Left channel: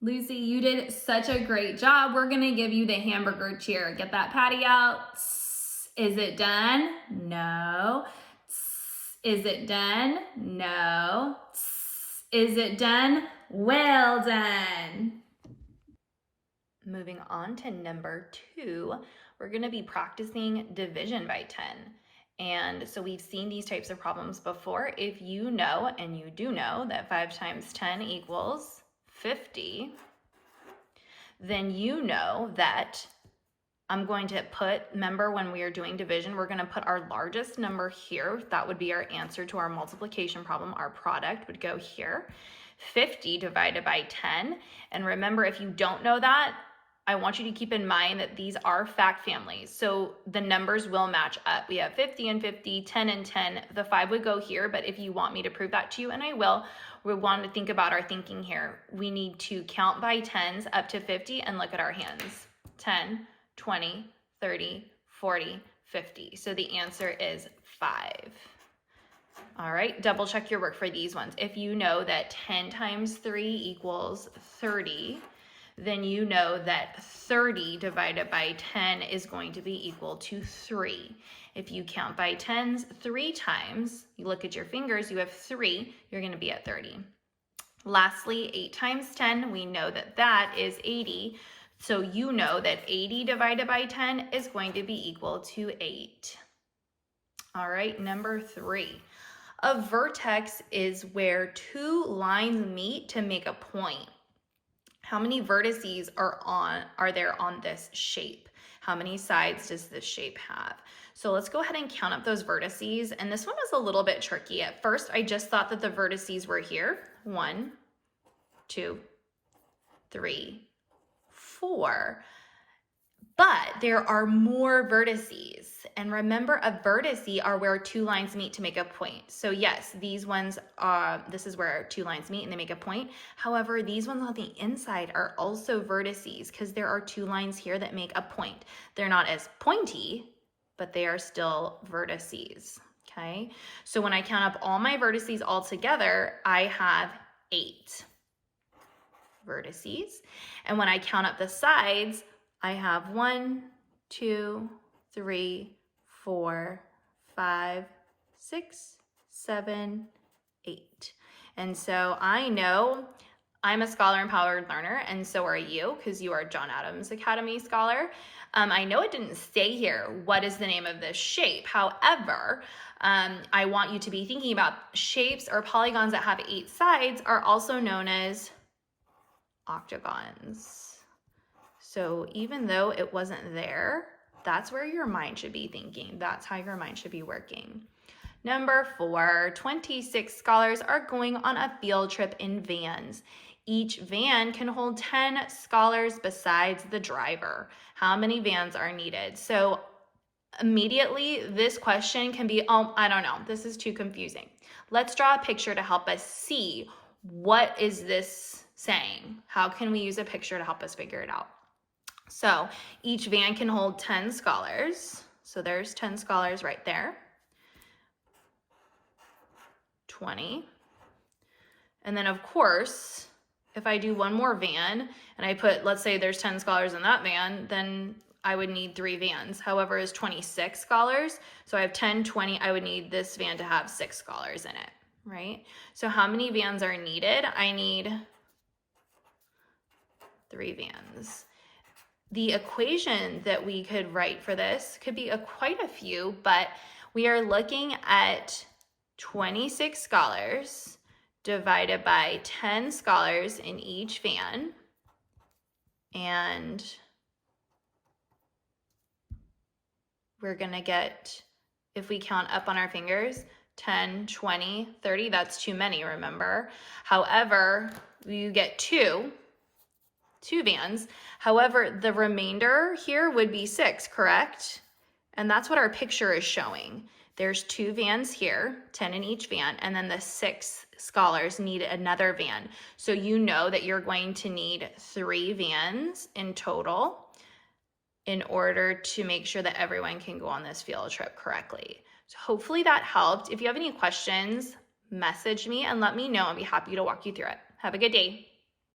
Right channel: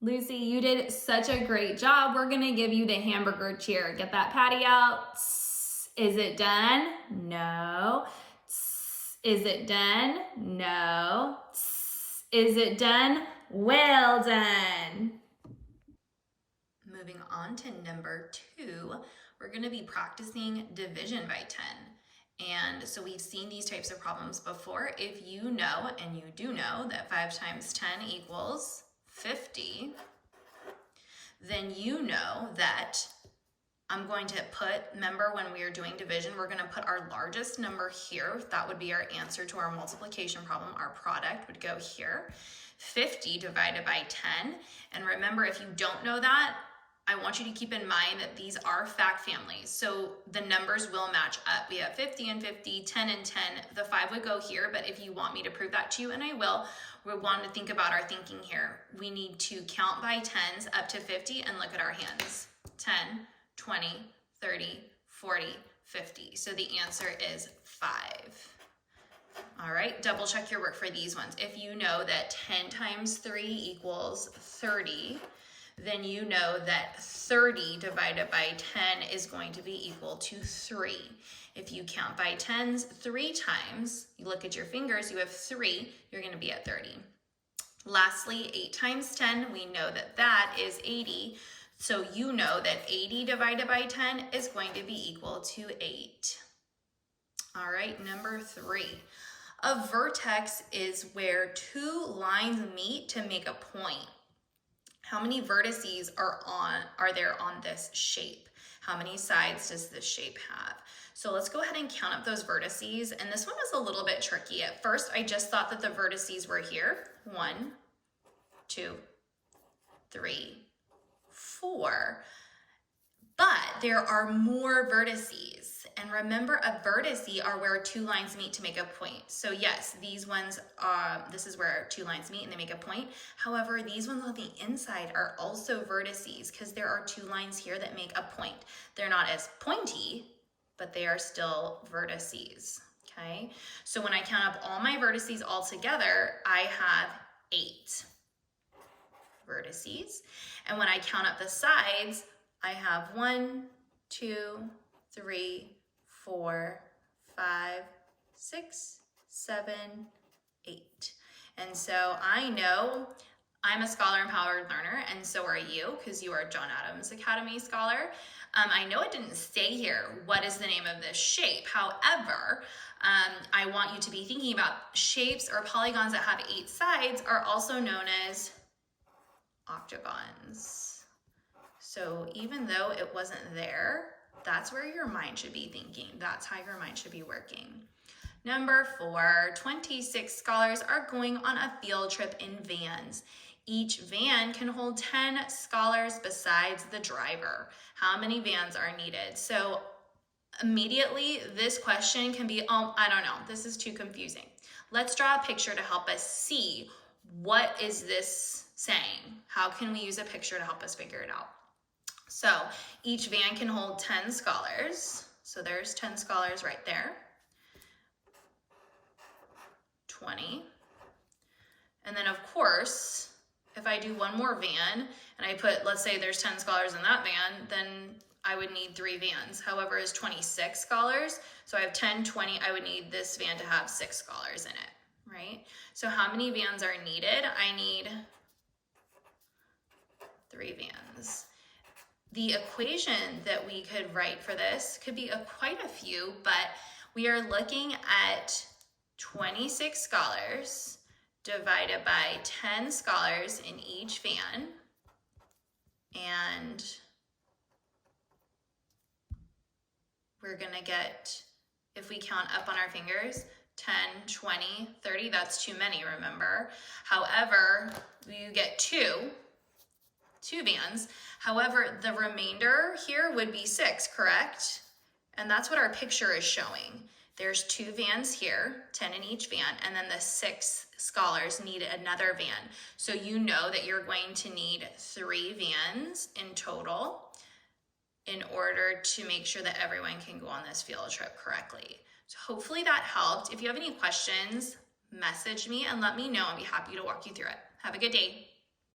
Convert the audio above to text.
Lucy, you did such a great job. We're gonna give you the hamburger cheer. Get that patty out. Is it done? No. Is it done? No. Is it done? Well done. Moving on to number 2, we're gonna be practicing division by 10. And so we've seen these types of problems before. If you know, and you do know, that 5 times 10 equals 50, then you know that I'm going to put, remember when we are doing division, we're going to put our largest number here. That would be our answer to our multiplication problem. Our product would go here. 50 divided by 10. And remember, if you don't know that, I want you to keep in mind that these are fact families. So the numbers will match up. We have 50 and 50, 10 and 10. The 5 would go here, but if you want me to prove that to you, and I will, we want to think about our thinking here. We need to count by 10s up to 50 and look at our hands. 10, 20, 30, 40, 50. So the answer is 5. All right, double check your work for these ones. If you know that 10 times 3 equals 30, then you know that 30 divided by 10 is going to be equal to 3. If you count by 10s 3 times, you look at your fingers, you have 3, you're going to be at 30. Lastly, 8 times 10, we know that that is 80. So you know that 80 divided by 10 is going to be equal to 8. All right, number 3. A vertex is where 2 lines meet to make a point. How many vertices are there on this shape? How many sides does this shape have? So let's go ahead and count up those vertices. And this one was a little bit tricky. At first, I just thought that the vertices were here. 1, 2, 3, 4. But there are more vertices. And remember, a vertice are where 2 lines meet to make a point. So yes, these ones, this is where 2 lines meet and they make a point. However, these ones on the inside are also vertices because there are 2 lines here that make a point. They're not as pointy, but they are still vertices, okay? So when I count up all my vertices all together, I have 8 vertices. And when I count up the sides, I have 1, 2, 3, 4, 5, 6, 7, 8. And so I know I'm a Scholar Empowered Learner, and so are you, because you are John Adams Academy Scholar. I know it didn't say here, what is the name of this shape? However, I want you to be thinking about shapes or polygons that have 8 sides are also known as octagons. So even though it wasn't there, that's where your mind should be thinking. That's how your mind should be working. Number 4, 26 scholars are going on a field trip in vans. Each van can hold 10 scholars besides the driver. How many vans are needed? So immediately this question can be, oh, I don't know, this is too confusing. Let's draw a picture to help us see what is this saying. How can we use a picture to help us figure it out? So each van can hold 10 scholars. So there's 10 scholars right there. 20. And then of course, if I do one more van and I put, let's say there's 10 scholars in that van, then I would need 3 vans. However, it's 26 scholars. So I have 10, 20, I would need this van to have 6 scholars in it, right? So how many vans are needed? I need 3 vans. The equation that we could write for this could be quite a few, but we are looking at 26 scholars divided by 10 scholars in each van. And we're gonna get, if we count up on our fingers, 10, 20, 30, that's too many, remember? However, you get two vans. However, the remainder here would be 6, correct? And that's what our picture is showing. There's 2 vans here, 10 in each van, and then the 6 scholars need another van. So you know that you're going to need 3 vans in total in order to make sure that everyone can go on this field trip correctly. So hopefully that helped. If you have any questions, message me and let me know. I'll be happy to walk you through it. Have a good day.